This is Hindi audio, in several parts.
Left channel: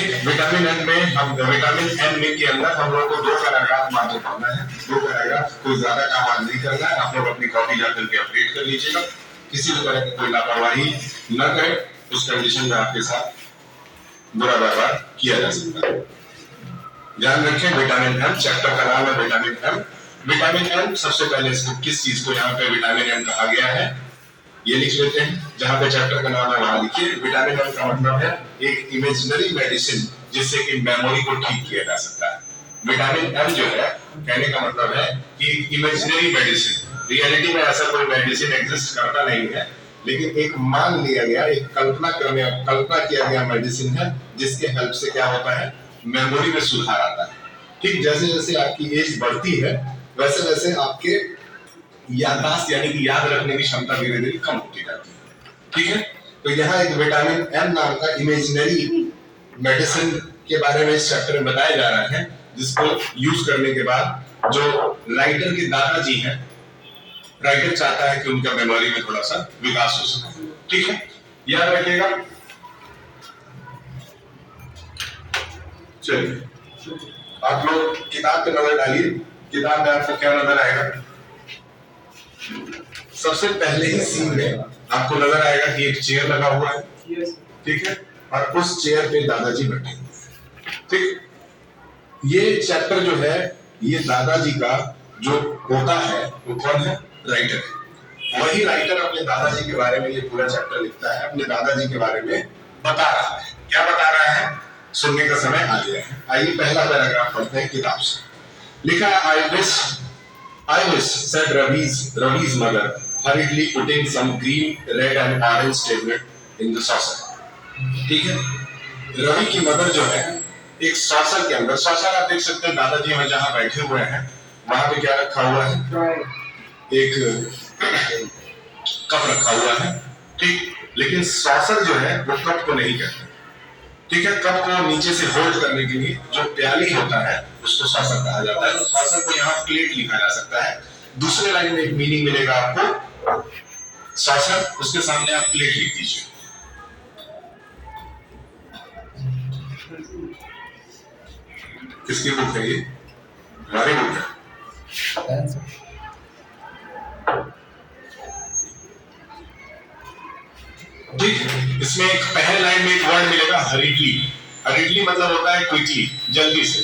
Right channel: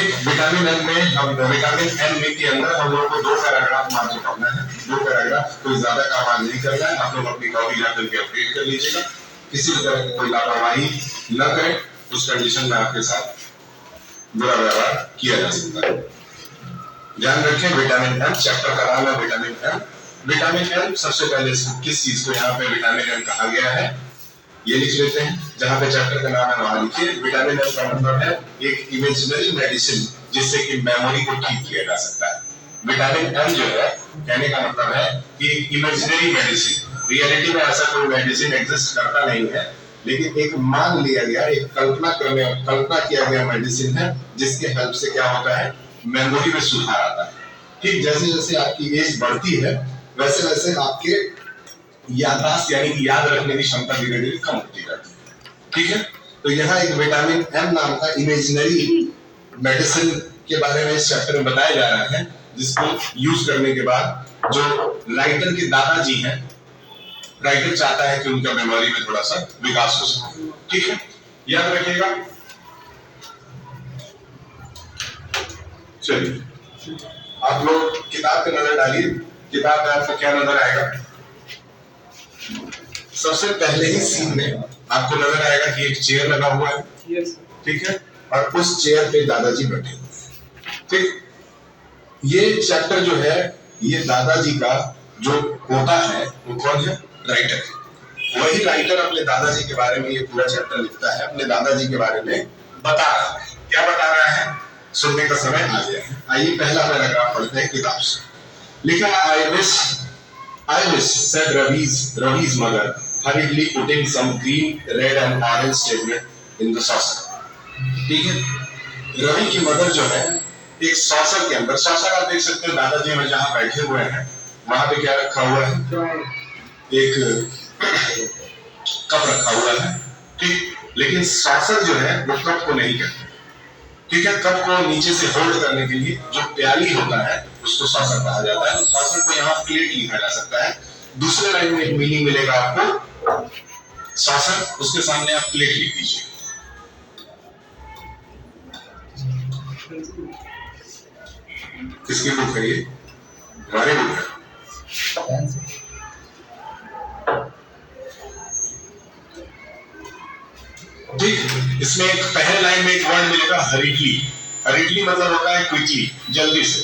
ठीक, विटामिन एम में हम विटामिन एम में के अंदर हम लोग को 2 पैराग्राफ मात्र पढ़ना है। 2 पैराग्राफ, कोई ज्यादा काम आज नहीं करना है। आप लोग अपनी कॉपी जाकर के अपडेट कर लीजिएगा। किसी भी तरह की कोई लापरवाही न करें, उस कंडीशन में आपके साथ बुरा व्यवहार किया जा सकता है। ध्यान रखें, विटामिन एम चैप्टर का नाम है विटामिन एम। विटामिन एम, सबसे पहले इसको किस चीज को यहाँ पे विटामिन एम कहा गया है ये लिख लेते हैं। जहां पे चैप्टर का नाम है वहां लिखिए। विटामिन एम का मतलब है एक इमेजिनरी मेडिसिन जिससे कि मेमोरी को ठीक किया जा सकता है। विटामिन एम जो है, कहने का मतलब है कि इमेजिनरी मेडिसिन, रियलिटी में ऐसा कोई मेडिसिन एग्जिस्ट करता नहीं है, लेकिन एक मान लिया गया, एक कल्पना किया गया मेडिसिन है जिसके हेल्प से क्या होता है, मेमोरी में सुधार आता है। ठीक, जैसे जैसे आपकी एज बढ़ती है वैसे वैसे आपके याददाश्त यानी कि याद रखने की क्षमता धीरे धीरे कम होती जाती है। ठीक है, तो यहाँ एक विटामिन एम नाम का इमेजिनरी मेडिसिन के बारे में इस चैप्टर में बताया जा रहा है, जिसको यूज करने के बाद जो राइटर के दादाजी हैं, राइटर चाहता है कि उनका मेमोरी में थोड़ा सा विकास हो सके। ठीक है, याद रखिएगा। चलिए, आप लोग किताब पे नजर डालिए। किताब में आपको क्या नजर आएगा? सबसे पहले ही सीन में आपको नजर आएगा कि एक चेयर लगा हुआ है। ठीक है, और उस चेयर पे दादाजी बैठे हुए हैं। ठीक, ये चैप्टर जो है, ये दादाजी का जो होता है वो कौन है? राइटर। वही राइटर अपने दादाजी के बारे में ये पूरा चैप्टर लिखता है, अपने दादाजी के बारे में बता रहा है। क्या बता रहा है, सुनने का समय आ गया है। आइए पहला पैराग्राफ पढ़ते हैं किताब से। लिखा है, I wish, said Ravi's mother, hurriedly putting some green, red and orange tablet in the saucer. ठीक है, रवि की मदर जो है एक सॉसर के अंदर, सॉसर आप देख सकते हैं दादाजी में जहां बैठे हुए हैं वहां पे क्या रखा हुआ है, एक कप रखा हुआ है। ठीक, लेकिन सॉसर जो है वो कप को नहीं कहते। ठीक है, कप को नीचे से होल्ड करने के लिए जो प्याली होता है उसको सॉसर कहा जाता है। तो सॉसर को यहाँ प्लेट लिखा जा सकता है। दूसरे लाइन में एक मीनिंग मिलेगा आपको सॉसर, उसके सामने आप प्लेट लिख दीजिए। किसकी बुक है ये? हमारी बुक है। ठीक, इसमें एक पहले लाइन में एक वर्ड मिलेगा हरीडली। हरीडली मतलब होता है क्विकली, जल्दी से।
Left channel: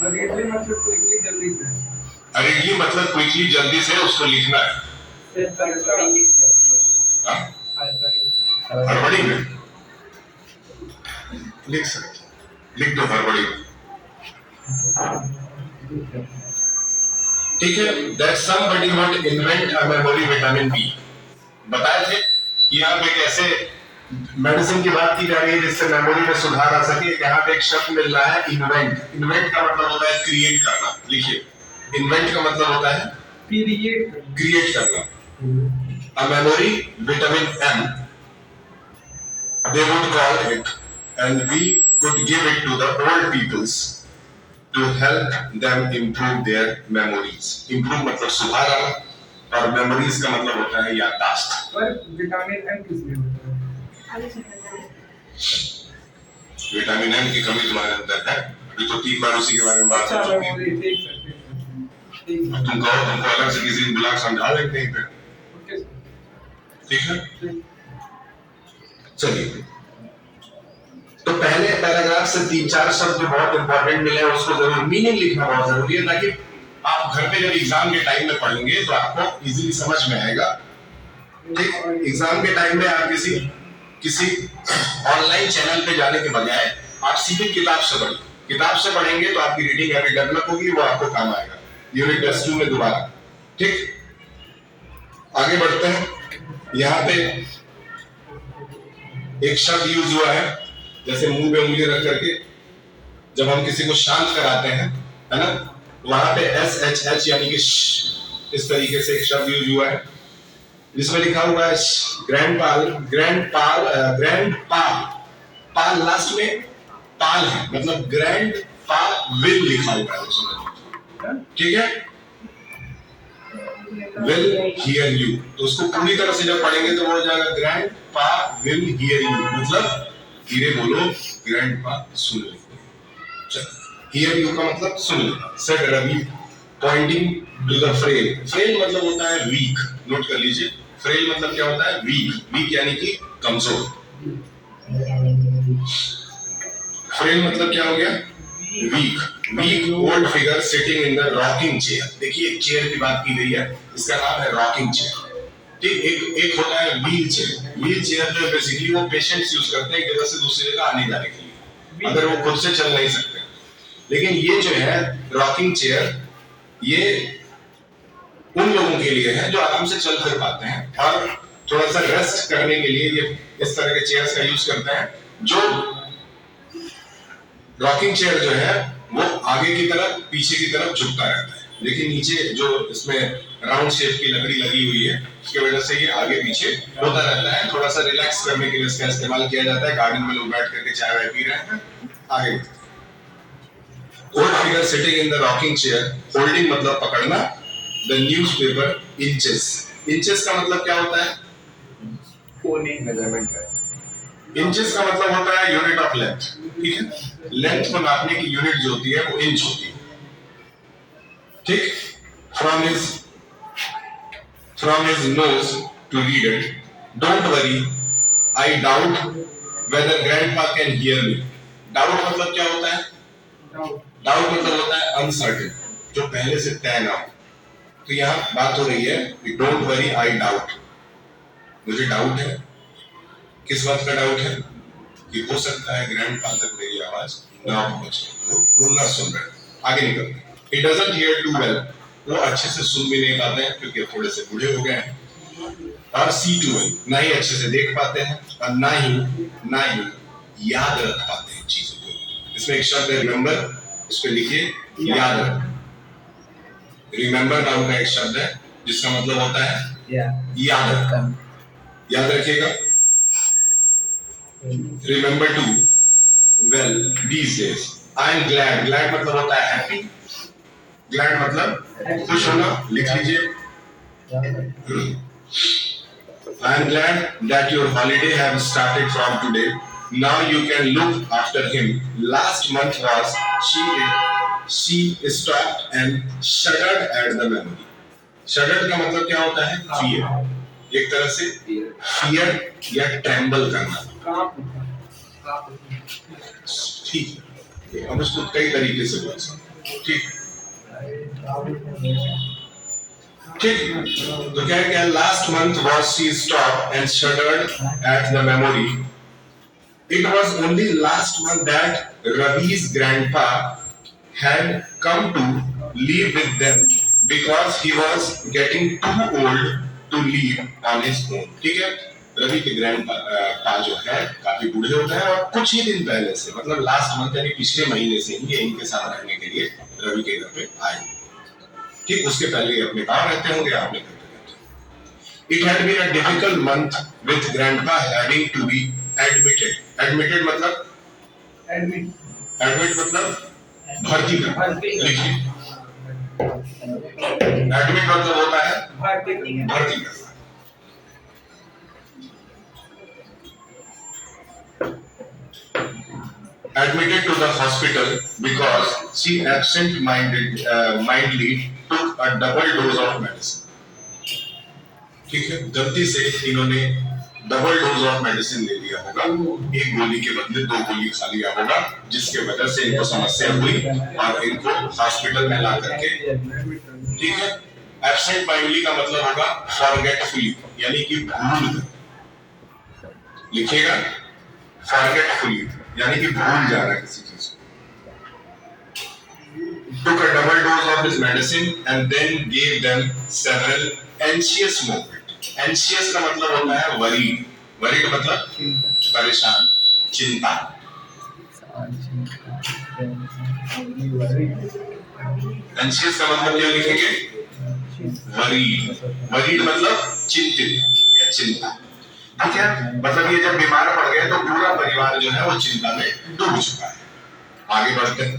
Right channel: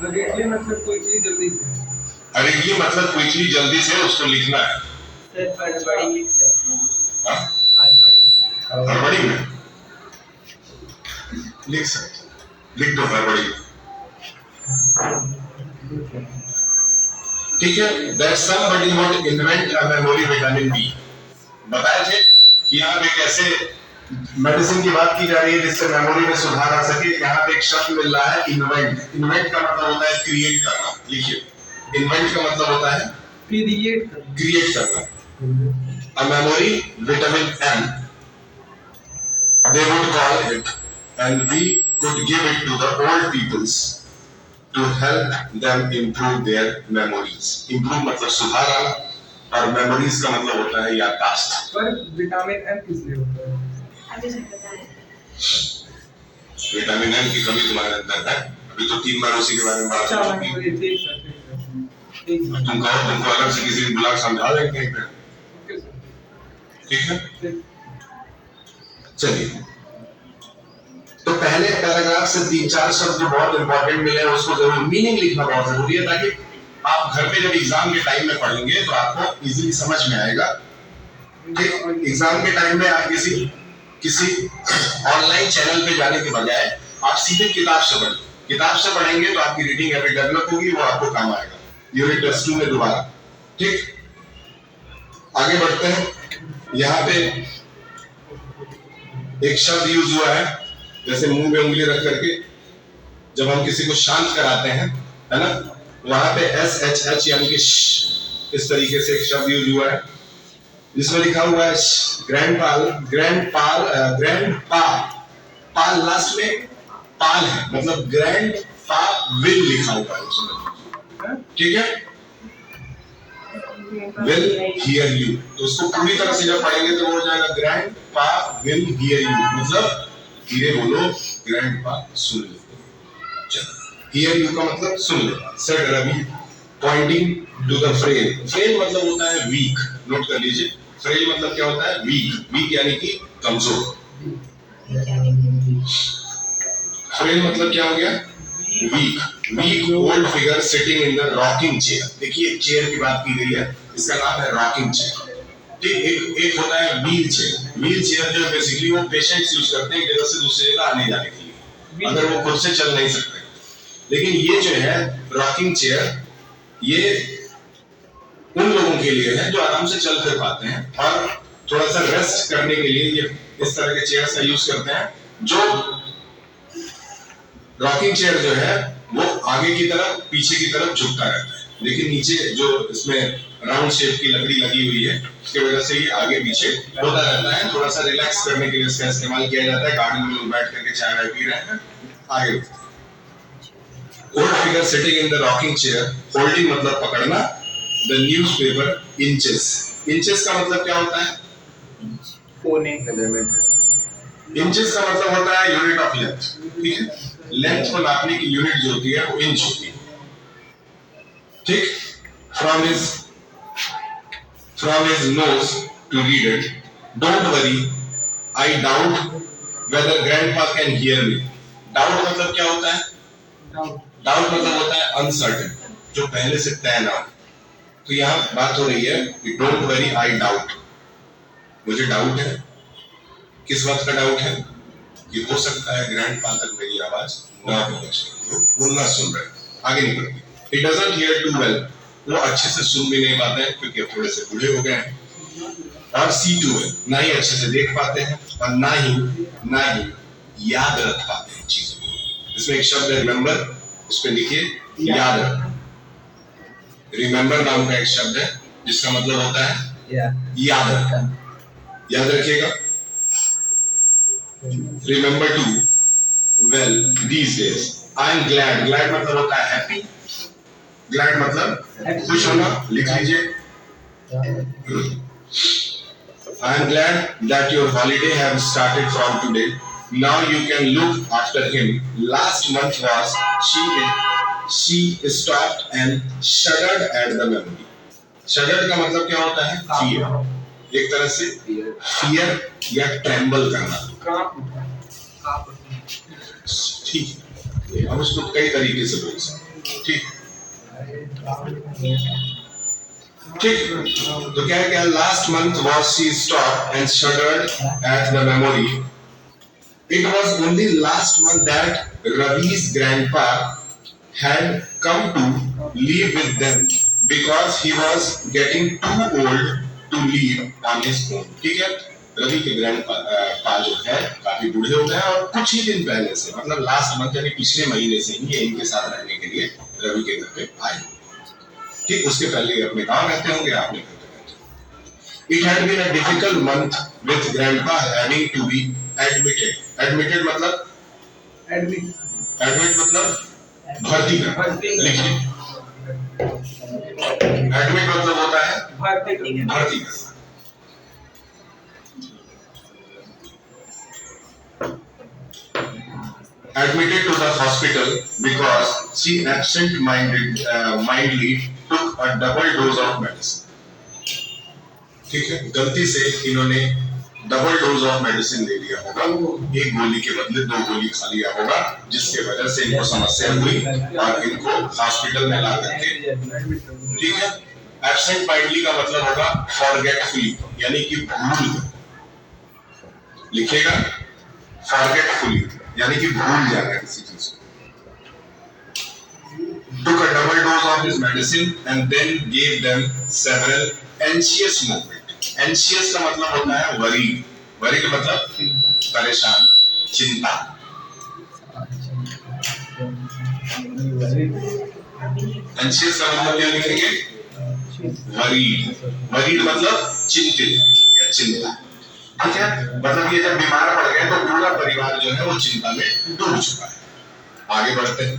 हरीडली मतलब क्विकली, जल्दी से। हरीडली मतलब क्विकली, जल्दी से उसको लिखना है। हड़बड़ी लिख सकते हैं। हड़बड़ी में लिख सकते, लिख दो हड़बड़ी में। ठीक है, that somebody would invent a memory vitamin B। बताए थे कि यहाँ पे कैसे मेडिसिन की बात की जा रही है जिससे मेमोरी में सुधार आ सके। यहाँ पे एक शब्द मिल रहा है इन्वेंट। इन्वेंट का मतलब होता है क्रिएट करना। लिखिए, इन्वेंट का मतलब होता है क्रिएट करना। A memory vitamin M, they would call it, and we could give it to the old peoples to help them improve their memories। Improve मतलब सुधार आना, और मेमोरीज का मतलब होता है याददाश्त। पर विटामिन एम किस लिए होता है? विटामिन एम की कमी तुम्हारे अंदर है। अभी तो 3 बार उसी के बारे में बात हो चुकी है। तुमको अलग से किसी बुला के समझा लेंगे कहीं पे। ठीक है, चलिए, तो पहले पैराग्राफ से 3-4 शब्द जो बहुत इंपॉर्टेंट मिले हैं उसको जरूर मीनिंग लिखना बहुत जरूरी है, ताकि आप घर पे जब एग्जाम के टाइम में पढ़ेंगे तो आपको इजीली समझ में आएगा। ठीक, एग्जाम के टाइम में आप किसी ऑनलाइन चैनल पे जाने के बजाय आप सीधे किताब से पढ़िए। किताब से पढ़ेंगे तो आपकी रीडिंग हैबिट डेवलप होगी, वो आपको काम आएगा यूनिट टेस्ट 2 में दोबारा। ठीक, आगे बढ़ते हैं। यहाँ पे एक शब्द यूज हुआ है, जैसे मुंह में उंगली रख करके जब हम किसी को शांत कराते हैं, है ना, वहां पे SHH यानी कि इस तरीके से एक शब्द यूज हुआ है जिसमें लिखा हुआ है पाल लास्ट में पाल है, मतलब ग्रैंड पा विल लिखा हुआ है, समझ। ठीक है, विल हियर यू, तो उसको पूरी तरह से जब पढ़ेंगे तो वो हो जाएगा ग्रैंड पा विल हियर यू, मतलब धीरे बोलो ग्रैंडपा सुन लेंगे। चलो हियर यू का मतलब सुन लेना। Said Ravi pointing to the frail. Frail मतलब होता है वीक, नोट कर लीजिए। फ्रेल मतलब क्या होता है? वीक। वीक यानी कि कमजोर। फ्रेल मतलब क्या हो गया? Weak. Weak old figure sitting in the rocking chair. देखिए चेयर की बात की गई है, इसका नाम है रॉकिंग चेयर। ठीक, एक होता है व्हील चेयर। व्हील चेयर जो बेसिकली वो पेशेंट्स यूज करते हैं एक जगह से दूसरी जगह आने जाने के लिए, अगर वो खुद से चल नहीं सकते। लेकिन ये जो है रॉकिंग चेयर, ये उन लोगों के लिए है जो आराम से चल फिर पाते हैं और थोड़ा सा रेस्ट करने के लिए ये इस तरह के चेयर्स का यूज करते हैं। जो रॉकिंग चेयर जो है वो आगे की तरफ पीछे की तरफ झुकता रहता है। देखिए नीचे जो इसमें राउंड शेप की लकड़ी लगी हुई है, इसकी वजह से ये आगे पीछे होता रहता है। थोड़ा सा रिलैक्स करने के लिए इसका इस्तेमाल किया जाता है। गार्डन में लोग बैठ करके चाय वाय पी रहे हैं, आगे old figure sitting in the rocking chair, holding मतलब पकड़ना, द न्यूज़पेपर इंचेस। इंचेस का मतलब क्या होता है? कोने, मेजरमेंट है। इंचेस का मतलब होता है यूनिट ऑफ लेंथ। ठीक है, लेंथ को नापने की यूनिट जो होती है वो इंच होती है। ठीक, from his nose to read it. Don't worry, I doubt whether grandpa can hear me. Doubt मतलब क्या होता है? Doubt मतलब होता है uncertain, जो पहले से तय ना हो। तो यहाँ बात हो रही है कि don't worry, I doubt, मुझे डाउट है। किस बात का डाउट है? कि हो सकता है ग्रैंडपा तक मेरी आवाज ना पहुंचे, वो ना सुन रहे। आगे निकलते। He doesn't hear too well, वो अच्छे से सुन भी नहीं पाते हैं क्योंकि थोड़े से बूढ़े हो गए हैं। और see too well, ना ही अच्छे से देख पाते हैं और ना ही याद रख पाते हैं चीजों को। इसमें एक शब्द है रिमेंबर, उस पे लिखिए याद रख। रिमेंबर नाम का एक शब्द है जिसका मतलब होता है याद रखना। याद रखिएगा। Remember to well these days. I am glad. Glad मतलब होता है happy. Glad मतलब खुश होना। लिख लीजिए। I am glad that your holiday have started from today. Now you can look after him. Last month was she stopped and shuddered at the memory. Shuddered का मतलब क्या होता है? Fear. एक तरह से fear या tremble करना। ठीक है, हम उसको कई तरीके से बोल सकते हैं। ठीक ठीक, तो क्या है? Last month was she stop and shuddered at the memory. It was only last month that रवि's grandpa had come to live with them because he was getting too old to live on his own. ठीक है, रवि के ग्रैंडपा जो है काफी बूढ़े हो गए हैं और कुछ ही दिन पहले से, मतलब लास्ट मंथ यानी पिछले महीने से ही ये इनके साथ रहने के लिए रवि के घर पे आए। ठीक, उसके पहले ये अपने गांव रहते होंगे, आपने घर पे रहते। It had been a difficult month with grandpa having to be admitted. Admitted मतलब admit मतलब भर्ती करना। लिखिए, admit मतलब होता है भर्ती करना। Admitted to the hospital because she mindedly took a double dose of medicine. ठीक है, गलती से इन्होंने डबल डोज ऑफ मेडिसिन ले लिया होगा। एक गोली के बदले 2 गोली खा लिया होगा, जिसके वजह से इनको समस्या हुई और इनको हॉस्पिटल में ला करके। ठीक है, एब्सेंट माइंडली का मतलब होगा फॉरगेटफुली, यानी कि भूल। लिखिएगा, फॉरगेटफुली यानी कि भूल जाना किसी चीज को। Took a double dose of his medicine and then gave them several anxious moments. Anxious का मतलब होता है worried. Worried मतलब परेशान, चिंता। Anxious का मतलब क्या लिखेंगे? Worried. Worried मतलब चिंतित या चिंता। ठीक है, मतलब ये जब बीमार पड़ गए तो पूरा परिवार जो है वो चिंता में डूब चुका है। आगे बढ़ते हैं।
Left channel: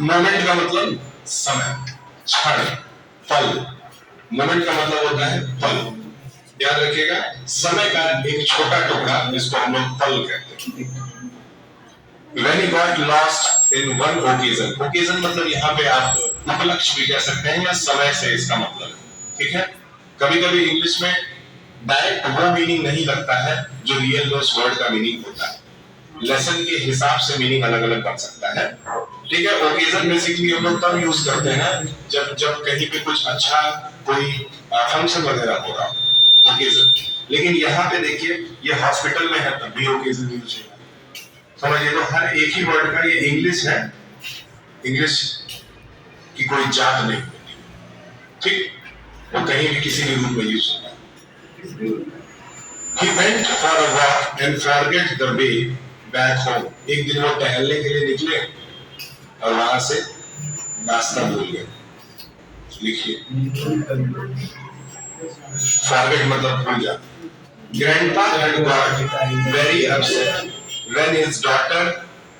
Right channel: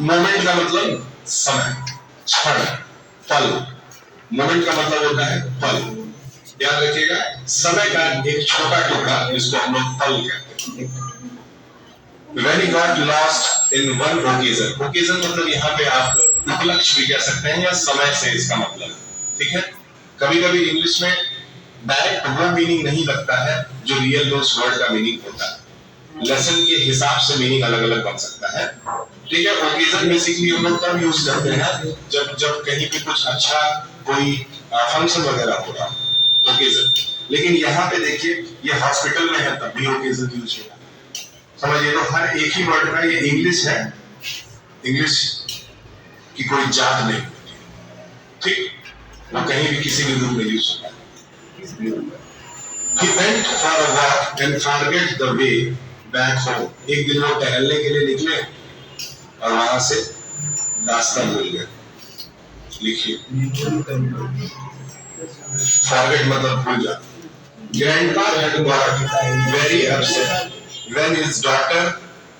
मोमेंट का मतलब समय, क्षण, पल। मोमेंट का मतलब होता है पल। याद रखिएगा, समय का एक छोटा टुकड़ा जिसको हम लोग पल कहते हैं। When he got lost in one occasion, occasion मतलब यहाँ पे आप उपलक्ष्य भी कह सकते हैं या समय से इसका मतलब, ठीक है। कभी कभी इंग्लिश में डायरेक्ट वो मीनिंग नहीं लगता है जो रियल में उस वर्ड का मीनिंग होता है। लेसन के हिसाब से मीनिंग अलग अलग बन सकता है, ठीक है। ओकेजन बेसिकली हम लोग तब यूज करते हैं जब कहीं पे कुछ अच्छा कोई फंक्शन वगैरह हो रहा हो, ओकेजन। लेकिन यहाँ पे देखिए ये हॉस्पिटल में है तब भी ओकेजन यूज होगा, समझिए। तो हर एक ही वर्ड का ये इंग्लिश है, इंग्लिश की कोई जात नहीं होती, ठीक। वो कहीं भी किसी भी रूप में यूज होता है। He went for a walk and forget the way back home. एक दिन वो टहलने के लिए निकले और वहां से रास्ता भूल गए। लिखिए, forget मतलब भूल जा। Grandpa had got very upset when his daughter,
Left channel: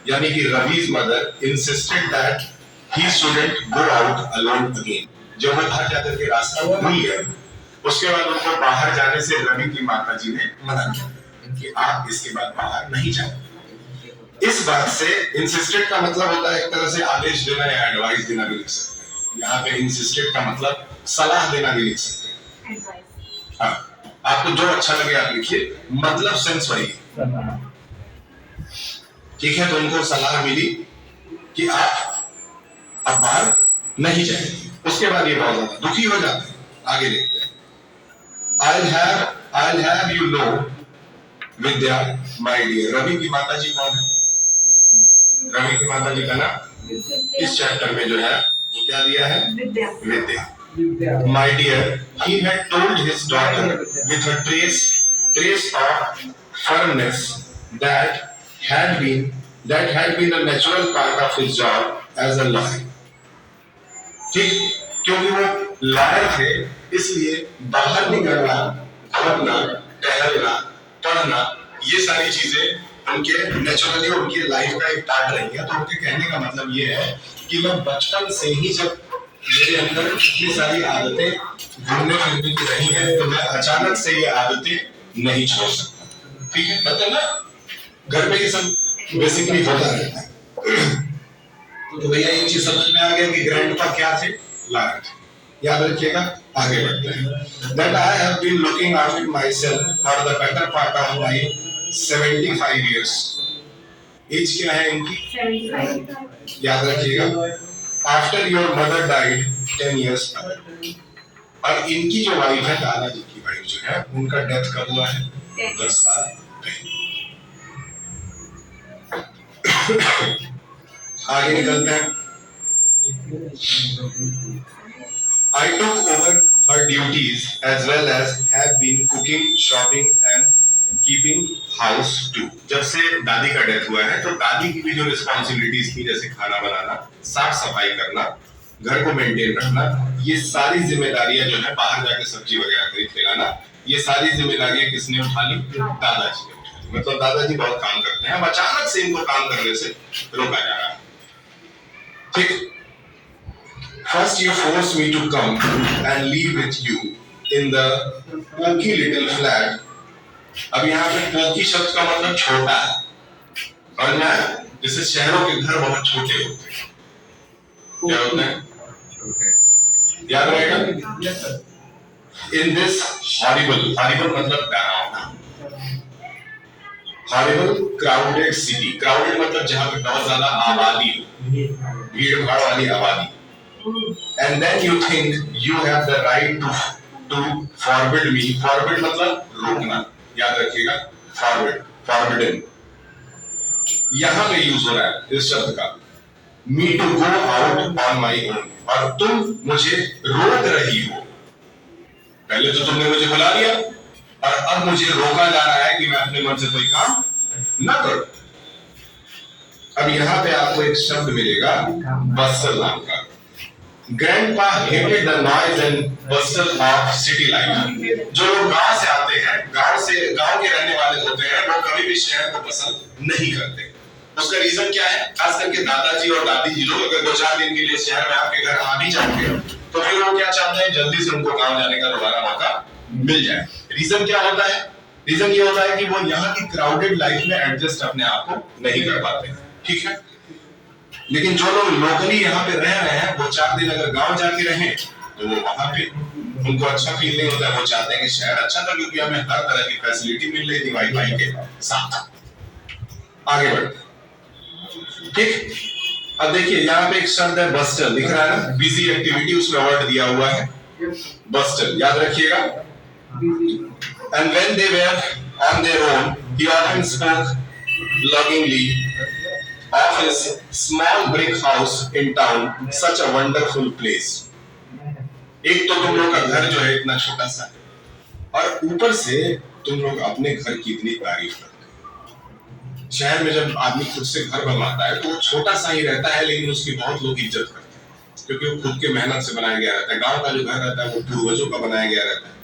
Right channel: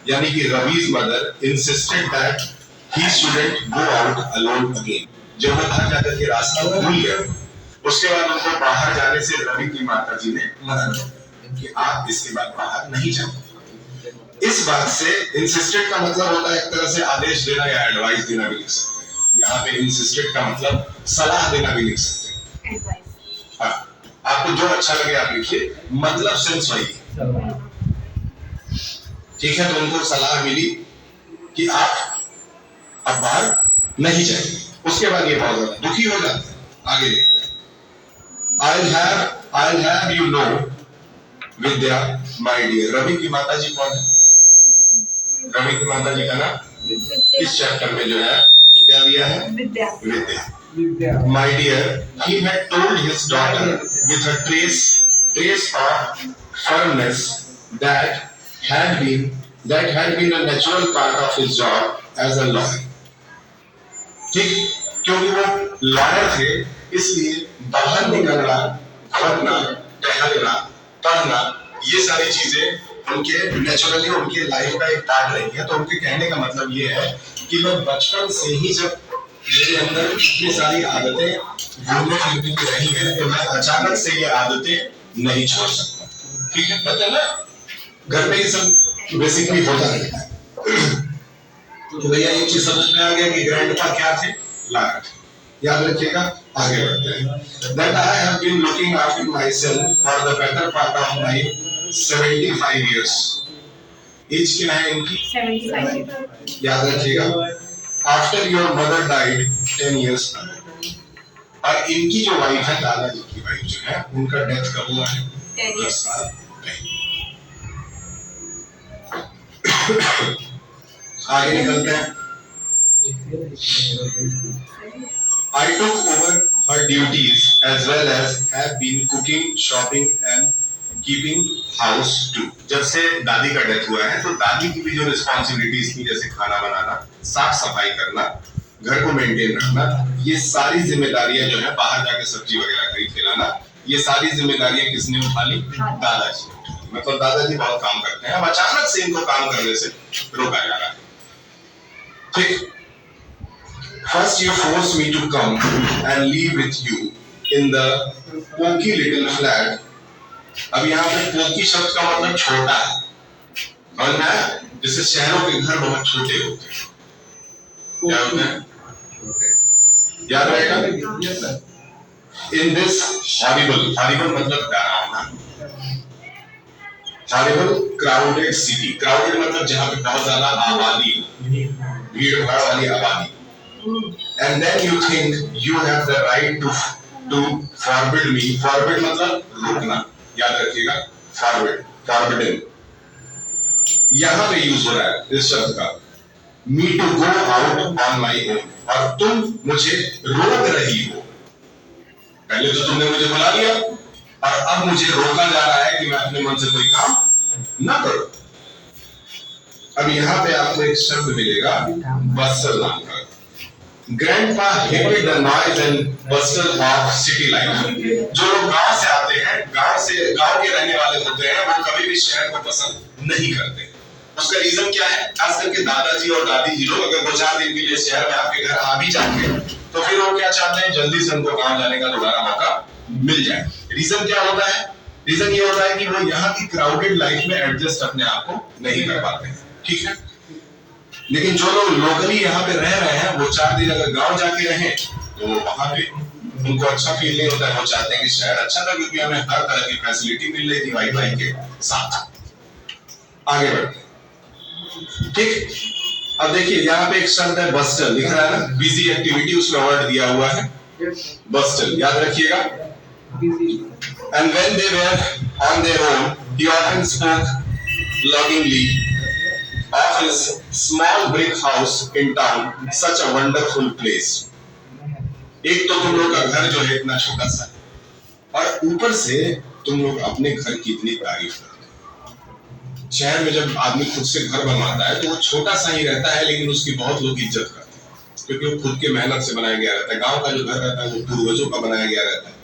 यानी कि रवि's mother, insisted that he shouldn't go out alone again. जब वो बाहर जाकर के रास्ता भूल गए, उसके बाद उनको बाहर जाने से रवि की माताजी ने मना कर दिया कि आप इसके बाद बाहर नहीं जाओ। इस बात से इंसिस्टेड का मतलब होता है एक तरह से आदेश देना या एडवाइस देना भी लिख सकते हैं। यहाँ पे इंसिस्टेड का मतलब सलाह देना भी लिख सकते हैं। हाँ, आपको जो अच्छा लगे आप लिखिए, मतलब सेंस वही, ठीक है। तो उनको सलाह मिली कि आप अब बाहर नहीं जाएंगे। उसके बाद ये बहुत ज्यादा दुखी हो जाते हैं। आगे देखते हैं। I'll have you know, Vidya, my dear। Ravi की माताजी कौन है? रवि की माताजी का नाम इस चैप्टर में जो है वो क्या दिया है? विद्या। My dear, he had told his daughter with a trace of firmness that had been a natural part of his job as a lawyer। ठीक, क्योंकि वो लॉयर थे इसलिए बाहर निकलना, घूमना, टहलना, पढ़ना, ये सारी चीजें उनके नेचुरली उनकी लाइफ का एक पार्ट रही है। तो उनके कहने का मतलब ये है कि मैं बचपन से ही जब मेरे अंदर इतनी सारी आदतें घूमने फिरने की रही हैं तो मैं अचानक से ये आदतें नहीं छोड़ सकता, ठीक है। पता है ना, घर में ये सब बेसिकली होता रहता है। तो भैया एक चीज समझ में आ गया कि ग्रैंडपा क्या थे? लॉयर थे। याद रखिएगा, आगे बढ़ते हैं। That I have been looking after myself for the better part of my 75 years। As क्या है इनकी? 75। याद रखिएगा, after your mother died 10 years ago। और इनकी जो वाइफ है, दादाजी की वाइफ जो है, उनका डेथ कब हुआ है? 10 साल पहले। आगे निकलते हैं। I took over her duties as well as have been cooking, shopping and keeping house too। जब से दादी का डेथ हुआ है तो दादी की भी जो रिस्पॉन्सिबिलिटीज थी, जैसे खाना बनाना, साफ सफाई करना, घर को मेंटेन रखना, ये सारी जिम्मेदारियां जो है, बाहर जाके सब्जी वगैरह खरीद के लाना, ये सारी जिम्मेदारियां किसने उठा ली? दादाजी ने उठा ली। मतलब दादाजी बहुत काम करते हैं, अब अचानक से इनको काम करने से रोका जा रहा है, ठीक। First you force me to come and live with you in the poky little flat। अब यहाँ पे पोकी शब्द का मतलब छोटा है, और ना जैसे शहरों के घर बहुत छोटे होते हैं, क्या होते हैं? छोटे, याद रहेगा। In this horrible मतलब डरावना, horrible crowded city। crowded मतलब जहाँ पे बहुत ज्यादा आबादी, भीड़ भाड़ वाली आबादी। And then you think you have the right to forbid me। forbid मतलब रोकना, याद रखिएगा, forbidden यहाँ पे यूज हो रहा है इस शब्द का। Me to go out on my own, और तुम मुझे रोक रही हो। पहले तो तुमने मुझे बुला लिया और अब मुझे रोका जा रहा है कि मैं अपने मन से कोई काम ना करूं। अब यहाँ पे आपको एक शब्द मिलेगा बस्टल नाम का। Grandpa hated the noise and bustle of city life। जो लोग गांव से आते हैं, गांव के रहने वाले होते हैं, वो कभी भी शहर को पसंद नहीं करते। उसका रीजन क्या है? खास करके दादाजी और दादी जी लोग अगर 2-4 दिन के लिए शहर में आपके घर आ भी जाते हैं तो फिर वो क्या चाहते हैं? जल्दी से उनको गांव जाने का दोबारा मौका मिल जाए। रीजन क्या होता है? रीजन ये होता है कि वो यहाँ की क्राउडेड लाइफ में एडजस्ट अपने आप को नहीं कर पाते, ठीक है। लेकिन जो लोग लोकली यहाँ पे रह रहे हैं वो 4 दिन अगर गांव जाके रहें तो वो वहां पे उनको अच्छा फील नहीं होता है। वो चाहते हैं कि शहर अच्छा था क्योंकि हमें हर तरह की फैसिलिटी मिल रही थी वाईफाई के साथ। आगे बढ़ते ठीक। अब देखिए यहाँ पे एक शब्द है बस्टल, लिख रहा है ना, बिजी एक्टिविटी, उसमें वर्ड दिया हुआ है बस्टल, याद रखिएगा। And when they were on their own, he often spoke lovingly of his small brick house in town, such a wonderful place. एक तो तुम लोग का घर जो है इतना छोटा सा है और ऊपर से तुम लोग अपने घर की इतनी तारीफ करते हो। शहर में जब आदमी खुद से घर बनवाता है तो वो छोटा सा ही रहता है, लेकिन उसकी बहुत लोग इज्जत करते हैं क्योंकि वो खुद के मेहनत से बनाया गया रहता है। गांव का जो घर रहता है वो पूर्वजों का बनाया गया रहता है।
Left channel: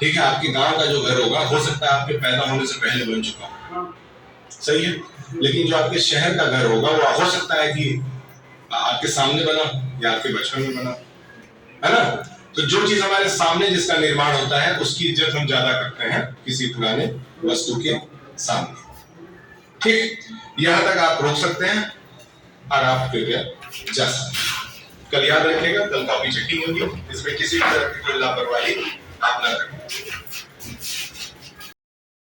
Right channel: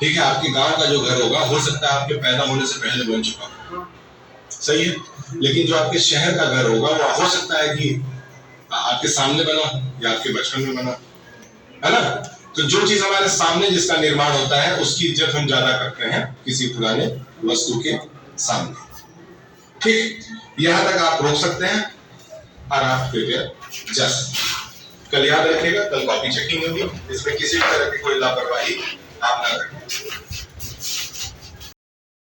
ठीक है, आपके गांव का जो घर होगा हो सकता है आपके पैदा होने से पहले बन चुका हो, सही है, लेकिन जो आपके शहर का घर होगा वो हो सकता है कि आपके सामने बना या आपके बचपन में बना, है ना। तो जो चीज हमारे सामने जिसका निर्माण होता है उसकी इज्जत हम ज्यादा करते हैं किसी पुराने वस्तु के सामने। ठीक, यहां तक आप रोक सकते हैं और आप कृपया जा सकते हैं। कल याद रखिएगा, कल कॉपी चेकिंग होगी, इसमें किसी भी तरह की कोई लापरवाही आप ना करें।